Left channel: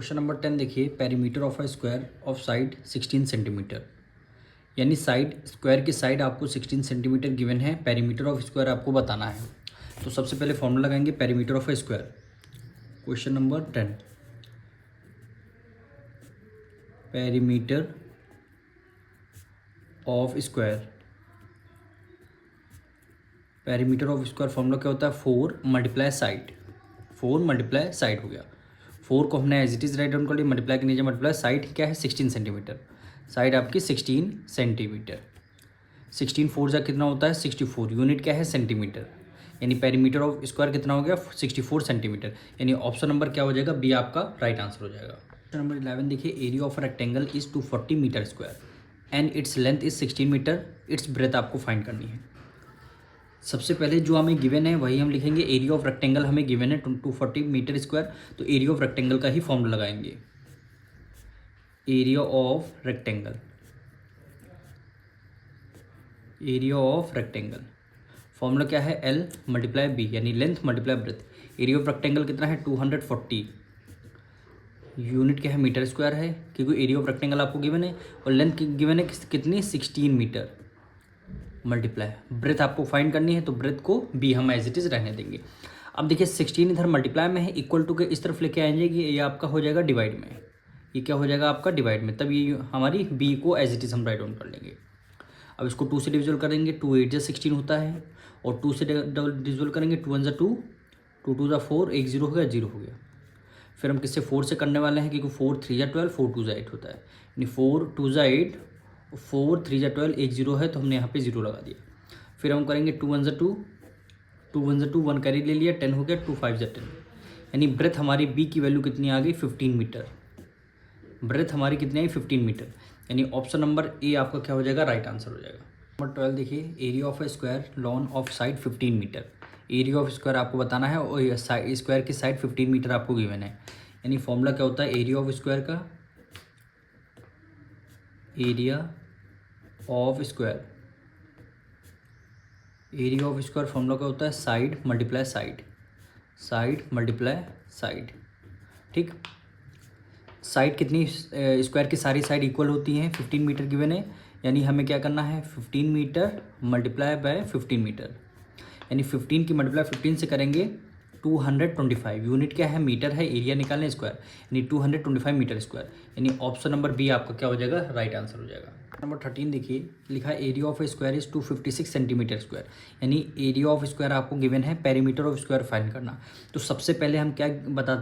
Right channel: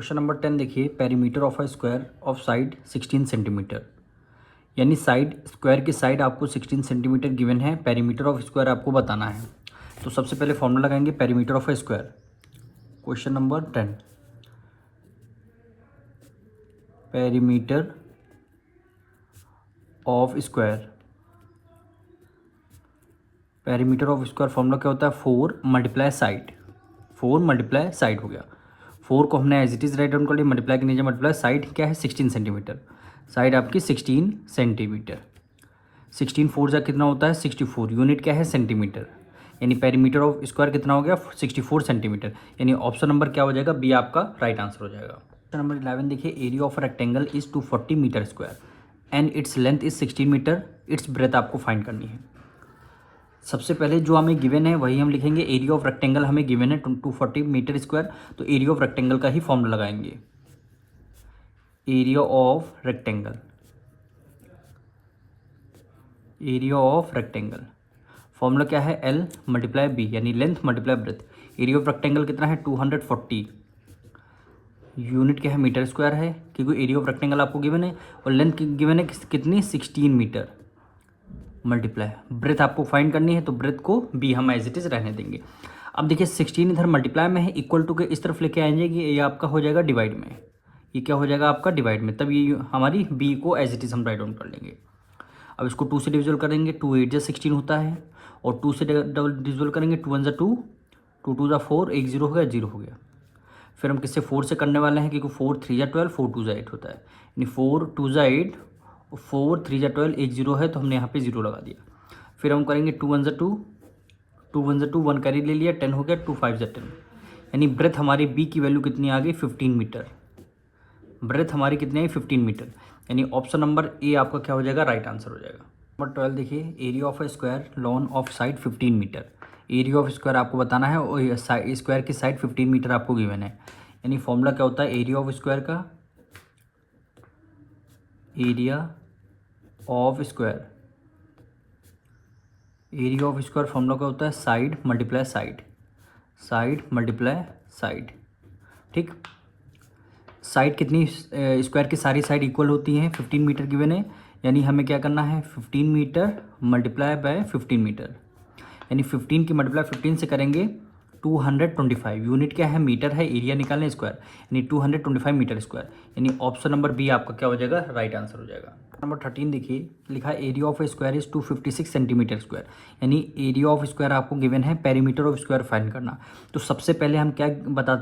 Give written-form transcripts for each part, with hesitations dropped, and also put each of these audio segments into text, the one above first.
Question number 10 देखिए, perimeter of a square of side 16 centimetre. यानी side square की side आपको 16 सेंटीमीटर गिवन है, पेरीमीटर ऑफ स्क्वायर आपको बताना है। तो सबसे पहले फॉर्मूला लगाएंगे perimeter of a square. Question number 10, perimeter of square. Perimeter of square formula क्या होता है? 4 मल्टीप्लाई साइड। 4 मल्टीप्लाई साइड हो गया। 4 को हमने as it is write down कर लिया, मल्टीप्लाई के नीचे मल्टीप्लाई, साइड क्या है 16 सेंटीमीटर। साइड आपकी 16 सेंटीमीटर। 16 फोर जा कितना होता है 64। यूनिट क्या है सेंटीमीटर। यानी पेरीमीटर ऑफ स्क्वायर कितना हो गया 64 सेंटीमीटर। यानी ऑप्शन नंबर क्या हो जाएगा? बी आपका राइट आंसर हो जाएगा। क्वेश्चन नंबर 11 देखिए, area of rectangle is 240 meter square and its length is 16 meter, its breadth आपको फाइंड करनी है। सबसे पहले जो हमें गिवन है वही हम लिखेंगे। एरिया ऑफ रेक्टेंगल हमें गिवन है 240 मीटर स्क्वायर, तो एरिया ऑफ रेक्टेंगल का ही फॉर्मूला लगाएंगे। Area of rectangle, area of rectangle formula क्या है? एल मल्टीप्लाई बी, यानी length multiply breath. Area of rectangle कितना है 240। यूनिट क्या है मीटर स्क्वायर है, क्योंकि एरिया ऑफ रेक्टेंगल आपको गिवन है और लेंथ गिवन है कितनी 16 मीटर। मल्टीप्लाई ब्रेथ आपको फाइंड करनी है, तो ब्रेथ को बी हम एज इट इज रहने देंगे। अब देखिए 16 इधर मल्टीप्लाई में है, इक्वल टू के इस तरफ लेके आएंगे कि ये आपका हो जाएगा डिवाइड में। ये क्या हो जाएगा आपका डिवाइड में, तब ये हमारी बी को एज इट इज हम राइट डाउन कर लेंगे। अब इसको 2 से डिविजल करेंगे, 2 8 जा 16 होता है, और 2 से डिविजल करेंगे, 2 1 जा 2, 2 2 जा 4, एक 0 हो गया, 0 हो गया। फिर हम किससे 4 से करने वाले हैं, क्योंकि 4 3 जा 12, 4 2 जा 8 होता है। यानी 4 2 जा 8, 4 3 जा 12, एक 0 है तो हमने यहाँ पे 0 लगा दिया। फिर हम करेंगे 2 1 जा 2, 2 1 जा 2, 1 कैरी ले लिया, 10 हो गया, 2 5 जा 10। यानी ब्रेथ हमारी बी की वैल्यू कितनी आ गई 15 मीटर। ब्रेथ हमारी कितनी है 15 मीटर। यानी ऑप्शन नंबर ए आपका क्या हो जाएगा? राइट आंसर हो जाएगा। नंबर 12 देखिए, area of a square lawn of side 15 meter. Area of square आपको बताना है और स्क्वायर की साइड 15 मीटर आपको गिवन है। यानी फॉर्मूला क्या होता है एरिया ऑफ स्क्वायर का? Area of square, area of square formula क्या होता है? Side multiply side, side multiply side. ठीक, साइड कितनी स्क्वायर की सारी साइड इक्वल होती हैं, 15 मीटर गिवन है। यानी हमें क्या करना है 15 मीटर मल्टीप्लाई बाय 15 मीटर। यानी 15 की मल्टीप्लाई 15 से करेंगे 225। यूनिट क्या है मीटर है, एरिया निकालने स्क्वायर, यानी 225 मीटर स्क्वायर। यानी ऑप्शन नंबर बी आपका क्या हो जाएगा? राइट आंसर हो जाएगा। नंबर 13 देखिए, लिखा है area of a square is 256 centimetre square. यानी एरिया ऑफ स्क्वायर आपको गिवन है, पेरीमीटर ऑफ स्क्वायर फाइंड करना। तो सबसे पहले हम क्या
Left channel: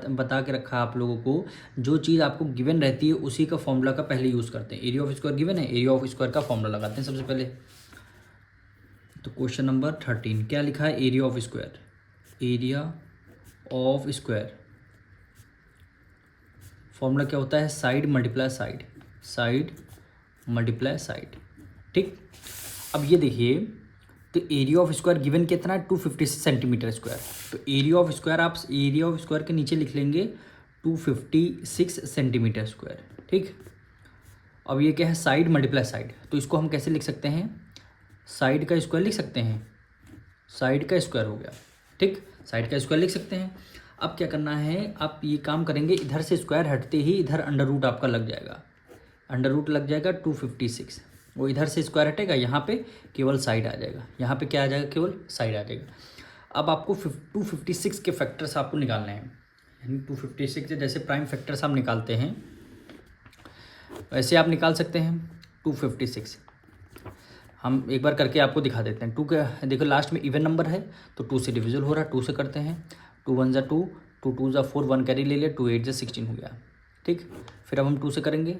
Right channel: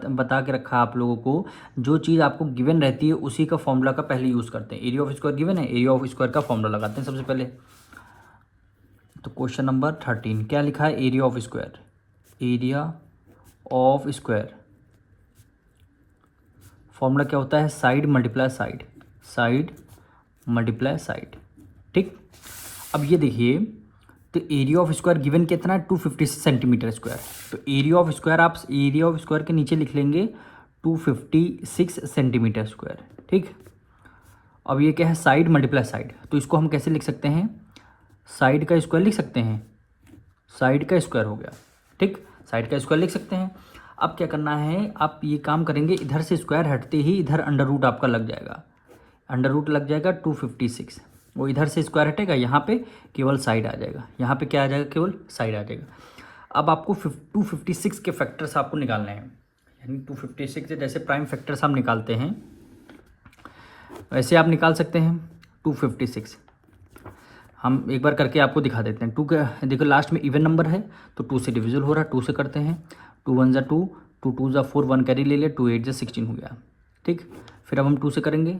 बता के रखा आप लोगों को, जो चीज़ आपको गिवन रहती है उसी का फॉर्मूला का पहले यूज़ करते हैं। एरिया ऑफ स्क्वायर गिवन है, एरिया ऑफ स्क्वायर का फॉर्मूला लगाते हैं सबसे पहले। तो क्वेश्चन नंबर 13 क्या लिखा है? Area of square, area of square formula क्या होता है? Side multiply side, side multiply side. ठीक, अब ये देखिए, तो एरिया ऑफ स्क्वायर गिवन कितना है 256 सेंटीमीटर स्क्वायर। तो एरिया ऑफ स्क्वायर आप एरिया ऑफ स्क्वायर के नीचे लिख लेंगे 256 सेंटीमीटर स्क्वायर। ठीक, अब ये क्या है? Side multiply side. तो इसको हम कैसे लिख सकते हैं? साइड का स्क्वायर लिख सकते हैं, साइड का स्क्वायर हो गया। ठीक, साइड का स्क्वायर लिख सकते हैं। अब क्या करना है, आप ये काम करेंगे, इधर से स्क्वायर हटते ही इधर अंडर रूट आपका लग जाएगा। अंडर रूट लग जाएगा 256, वो इधर से स्क्वायर हटेगा, यहाँ पे केवल साइड आ जाएगा, यहाँ पे क्या आ जाएगा? केवल साइड आ जाएगा। अब आपको 256 के फैक्टर्स आपको निकालने हैं। यानी 256 जैसे प्राइम फैक्टर्स हम निकालते हैं वैसे आप निकाल सकते हैं। 256 हम एक बार करके आपको दिखा देते हैं। 2 का देखो लास्ट में इवन नंबर है तो 2 से डिविजल हो रहा है, 2 से करते हैं। 2 1 जा 2, 2 2 जा 4, 1 कैरी ले लिया, 2 8 जा 16 हो गया। ठीक, फिर अब हम 2 से करेंगे,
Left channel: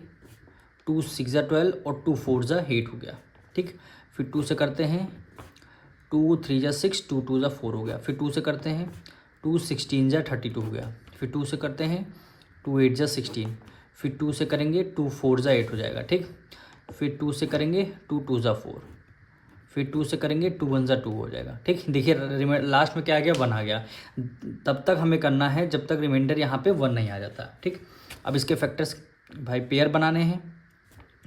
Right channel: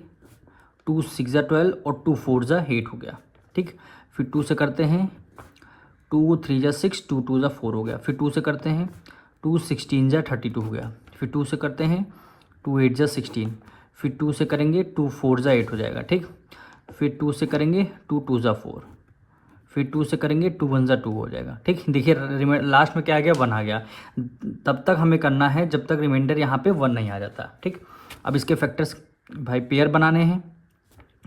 2 6 जा 12 और 2 4 जा 8 हो गया। ठीक, फिर 2 से करते हैं, 2 3 जा 6, 2 2 जा 4 हो गया। फिर 2 से करते हैं, 2 16 जा 32 हो गया। फिर 2 से करते हैं, 2 8 जा 16। फिर 2 से करेंगे, 2 4 जा 8 हो जाएगा। ठीक, फिर 2 से करेंगे, 2 2 जा 4। फिर 2 से करेंगे, 2 1 जा 2 हो जाएगा। ठीक, देखिए लास्ट में क्या आ गया? 1 आ गया। तब तक हमें करना है जब तक रिमाइंडर यहाँ पे 1 नहीं आ जाता। ठीक, अब इसके फैक्टर्स भाई पेयर बनाने हैं।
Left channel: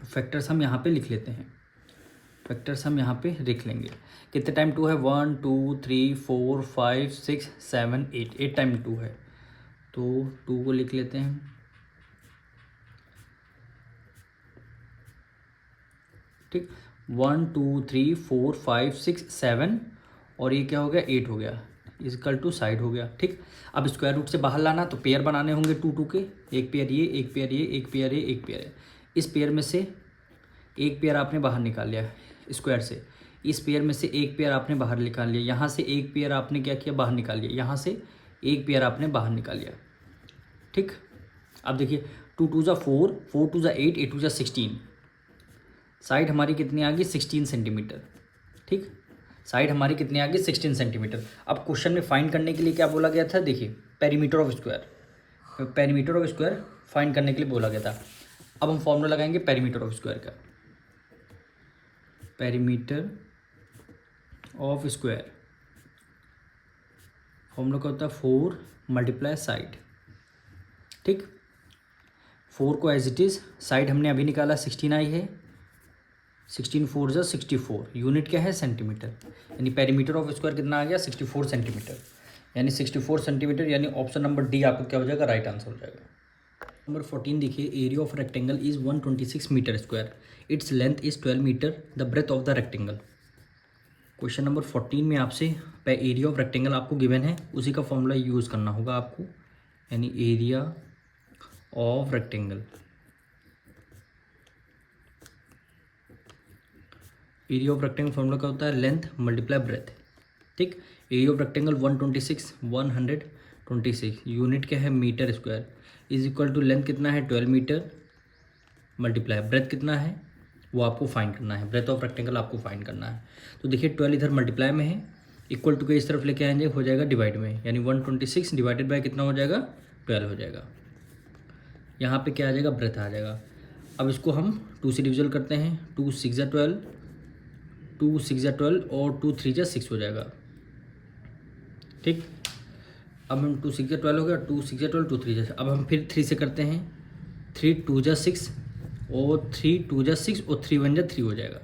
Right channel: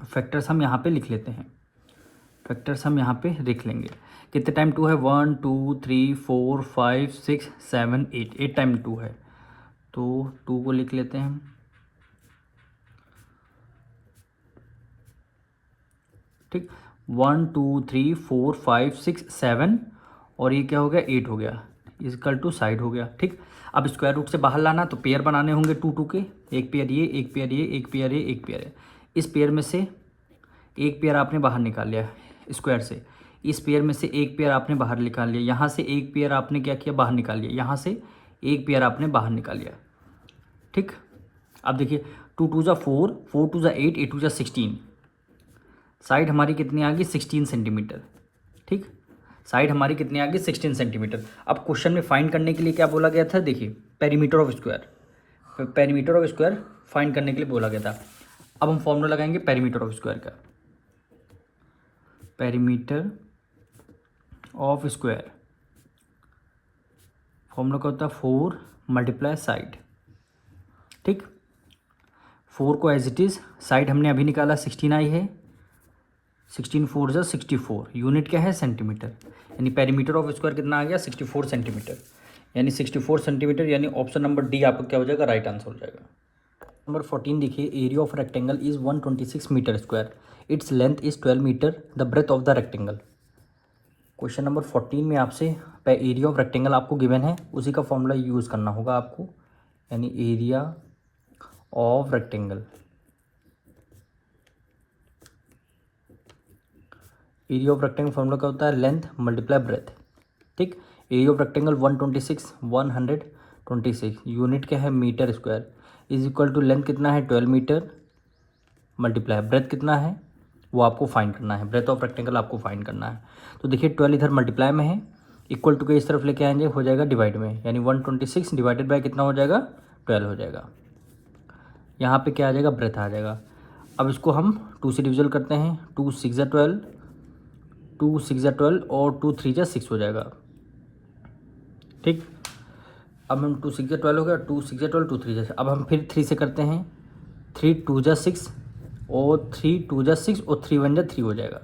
फैक्टर्स हम यहाँ पे लिख लेते हैं, फैक्टर्स हम यहाँ पे लिख लेंगे। कितने टाइम 2 है? 1 2 3 4 5 6 7 8, 8 टाइम 2 है, तो 2 को लिख लेते हैं। ठीक, 1 2 3 4 5 6 7 और ये क्या हो गया 8 हो गया, इक्वल टू साइड हो गया। ठीक, अब स्क्वायर रूट से बाहर लाना तो पेयर बनाने होंगे 2 2 के, एक पेयर ये, एक पेयर ये, एक पेयर ये, एक पेयर है। इस पेयर में से एक पेयर आपने बाहर निकाल लिया स्क्वायर से, इस पेयर में से एक पेयर आपने बाहर निकाल लिया, यहाँ से एक पेयर आपने क्या किया बाहर निकाल लिया, यहाँ से एक पेयर आपने बाहर निकाल लिया। ठीक, अब देखिए 2 2 जा 4, 4 2 जा 8, 8 2 जा 16, साइड हमारी कितनी आ गई 16 सेंटीमीटर। ठीक, साइड हमारी कितनी आ गई 16 सेंटीमीटर। अब क्वेश्चन में फाइंड करने के लिए क्या बोला गया था, देखिए perimeter of square, perimeter of square find करने के लिए बोला गया था। अब हम फॉर्मूला लगाएंगे पेरीमीटर ऑफ स्क्वायर का, पेरीमीटर ऑफ स्क्वायर फॉर्मूला क्या होता है 4 मल्टीप्लाई साइड। ठीक, 4 को एज इट इज़, साइड हमने अभी निकाला 16 आई है, 16 4 जा 64, यूनिट क्या है सेंटीमीटर, यानी पेरीमीटर ऑफ स्क्वायर कितना आ गया 64 सेंटीमीटर, यानी 64 सेंटीमीटर, यानी ऑप्शन नंबर डी आपका क्या हो जाएगा राइट आंसर हो जाएगा। नंबर 14 देखिए, area of rectangle is 126 meter square, its length is 12 meter, the breadth of the rectangle. Question number 14 में आपसे एरिया ऑफ रेक्टेंगल आपको गिवन है, उसी का फॉर्मूला यूज़ करना होगा आपको, यानी area of rectangle, area of rectangle formula क्या होता है लेंथ मल्टीप्लाई ब्रेथ। ठीक, एरिया ऑफ रेक्टेंगल 126, यूनिट क्या है meter square, is equal to length कितना है 12 मीटर मल्टीप्लाई ब्रेथ कितना है वो आपको फाइंड करना है, ब्रेथ ऑफ रेक्टेंगल आपको फाइंड करना है। तो देखिए 12 इधर मल्टीप्लाई में है, इक्वल टू के इस तरफ लेके आएंगे हो जाएगा डिवाइड में, यानी 126 डिवाइडेड बाय कितना हो जाएगा 12 हो जाएगा। यहाँ पे क्या आ जाएगा ब्रेथ आ जाएगा। अब इसको हम 2 से डिविजन करते हैं, 2 6 जा 12, 2 6 जा 12 और 2 3 जा 6 हो जाएगा। ठीक, अब हम 2 6 जा 12 हो गया, 2 6 जा 12, 2 3 जा, अब हम फिर 3 से करते हैं, 3 2 जा 6 और 3 2 जा 6 और 3 1 जा 3 हो जाएगा,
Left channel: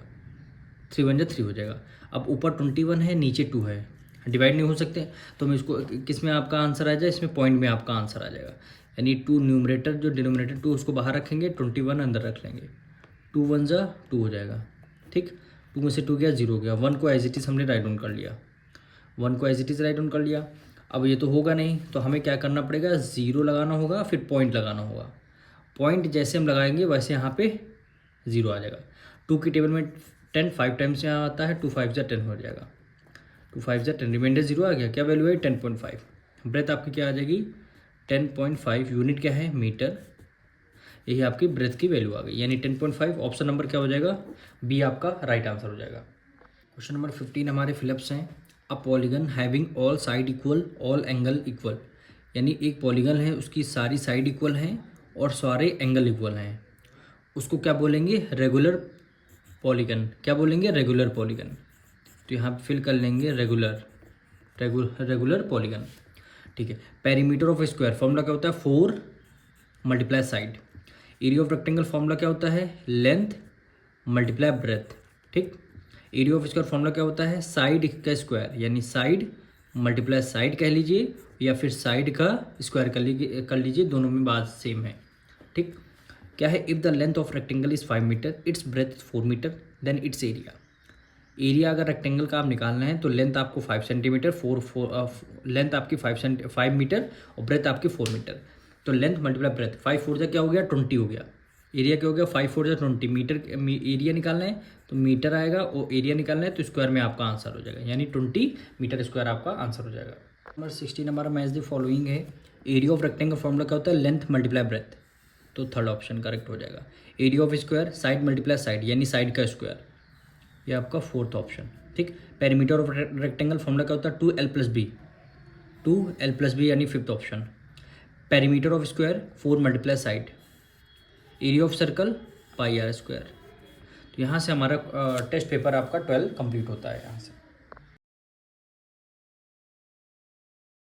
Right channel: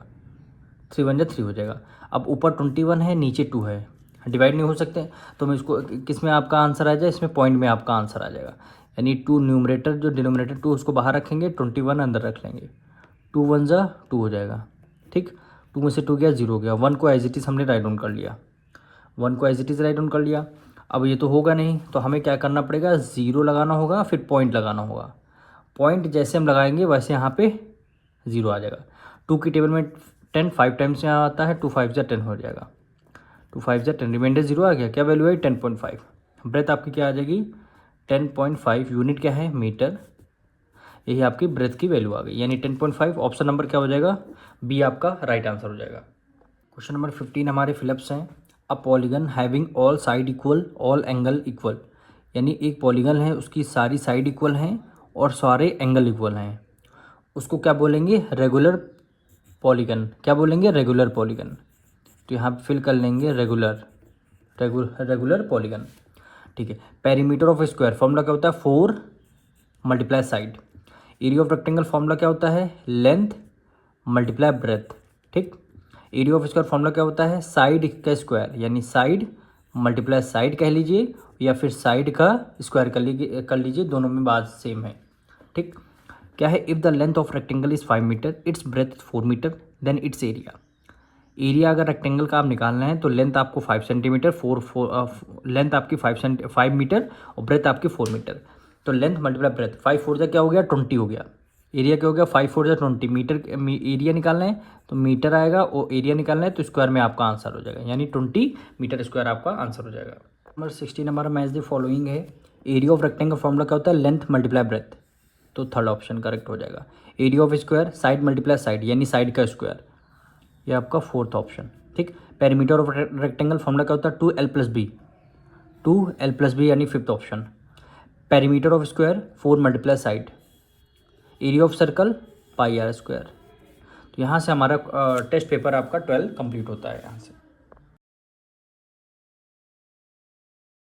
3 1 जा 3 हो जाएगा। अब ऊपर 21 है नीचे 2 है, डिवाइड नहीं हो सकते, तो मैं इसको किस में आपका आंसर आ जाए, इसमें पॉइंट में आपका आंसर आ जाएगा, यानी 2 न्यूमरेटर जो डिनोमिनेटर 2 उसको बाहर रखेंगे, 21 अंदर रख लेंगे, 2 1 जा 2 हो जाएगा। ठीक, 2 में से 2 गया 0 हो गया, 1 को एज इट इज़ हमने राइट डाउन कर लिया, 1 को as it is write down कर लिया। अब ये तो होगा नहीं, तो हमें क्या करना पड़ेगा 0 लगाना होगा, फिर पॉइंट लगाना होगा, पॉइंट जैसे हम लगाएंगे वैसे यहाँ पे 0 आ जाएगा। 2 की टेबल में 10 5 टाइम्स यहाँ आता है, 2 5 जा 10 हो जाएगा, 2 5 जा 10, रिमाइंडर 0 आ गया, क्या वैल्यू है 10.5, ब्रेथ आपकी क्या आ जाएगी 10.5, यूनिट क्या है मीटर, यही आपकी ब्रेथ की वैल्यू आ गई, यानी 10.5, ऑप्शन नंबर क्या हो जाएगा बी आपका राइट आंसर हो जाएगा। क्वेश्चन नंबर 15 हमारे फिलिप्स हैं, a polygon having all side equal all angle equal, यानी एक पॉलीगन है उसकी सारी साइड इक्वल हैं और सारे एंगल इक्वल हैं, उसको क्या बोलेंगे रेगुलर पॉलीगन, क्या बोलेंगे रेगुलर पॉलीगन। तो यहाँ पे फिल कर लेंगे रेगुलर पॉलीगन। ठीक है, पेरीमीटर ऑफ स्क्वायर फॉर्मूला क्या होता है 4 multiply side, area of rectangle formula क्या होता है लेंथ मल्टीप्लाई ब्रेथ। ठीक, एरिया ऑफ स्क्वायर फॉर्मूला क्या होता है साइड का स्क्वायर, यानी साइड मल्टीप्लाई साइड कह लीजिए या फिर साइड का स्क्वायर कर लीजिए, दोनों में बात सेम है। ठीक, क्या है if the length of rectangle is 5 meter, its breadth 4 meter, then its area. Area अगर रेक्टेंगल का आप निकालना है तो लेंथ आपको 5 सेंटीमीटर, लेंथ आपकी 5 मीटर और ब्रेथ आपकी 4 मीटर, तो लेंथ मल्टीप्लाई ब्रेथ 5 4 जा क्या हो गया 20 हो गया, एरिया क्या हो गया 5 4 जा 20 मीटर, एरिया निकालना है तो मीटर आएगा और एरिया निकालना है तो स्क्वायर में आपका आंसर हो जाएगा, यानी 20 मीटर स्क्वायर आपका आंसर हो जाएगा। Number 16 number match the following है, एरिया ऑफ रेक्टेंगल फॉर्मूला क्या होता है लेंथ मल्टीप्लाई ब्रेथ, तो थर्ड ऑप्शन करेक्ट हो जाएगा। Area of square side multiply side, यानी साइड का स्क्वायर, ये आपका फोर्थ ऑप्शन। ठीक, पेरीमीटर ऑफ रेक्टेंगल फॉर्मूला क्या होता है 2l+b, 2l+b यानी fifth option. Perimeter of square 4 multiply side, area of circle πr²। तो यहाँ से हमारा टेस्ट पेपर आपका 12 कंप्लीट होता है यहाँ से।